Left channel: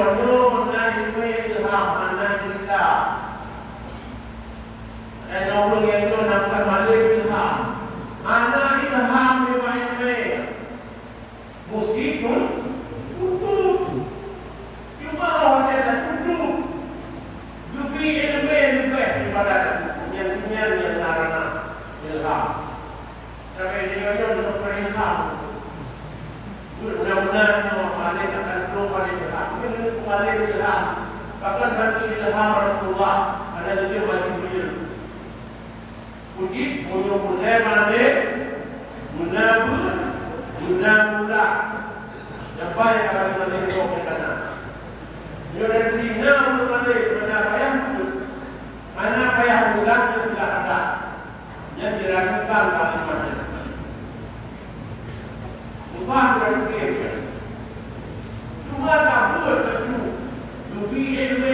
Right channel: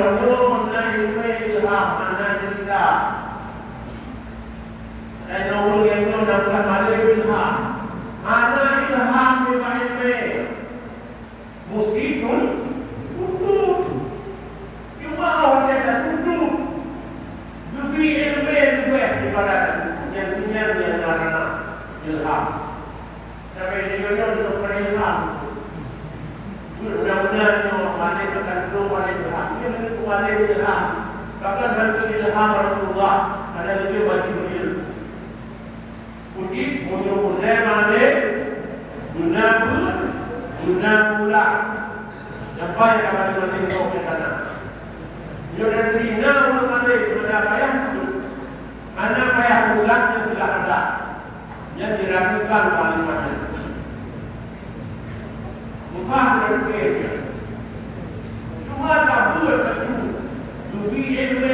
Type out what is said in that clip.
Belum ilmu ilham anak kita. Dan orang yang itu nampak balik ilham. Anak ilham dengan ilmu. Meskipun tutup. Cuma orang yang dah tutup. Diberi ilmu juga ibarat yang punya yang karena ilham. Tapi ini memang untuk berilham. Mudah-mudahan Allah balik akan keluar ilham. Ini kembali ilham. Bahkan bantu ilham Rasulullah ada juga bagi ilmu. Mungkin punya balik, guna pula. Apa yang akan dilakukan ke sana? Jangan tinggal balik pada ayah pun. Anak ayah pulang sudah ada. Yang diragukan kalimatnya. Bukan berpikir. Cuma tak buat kedua. Dua ilmu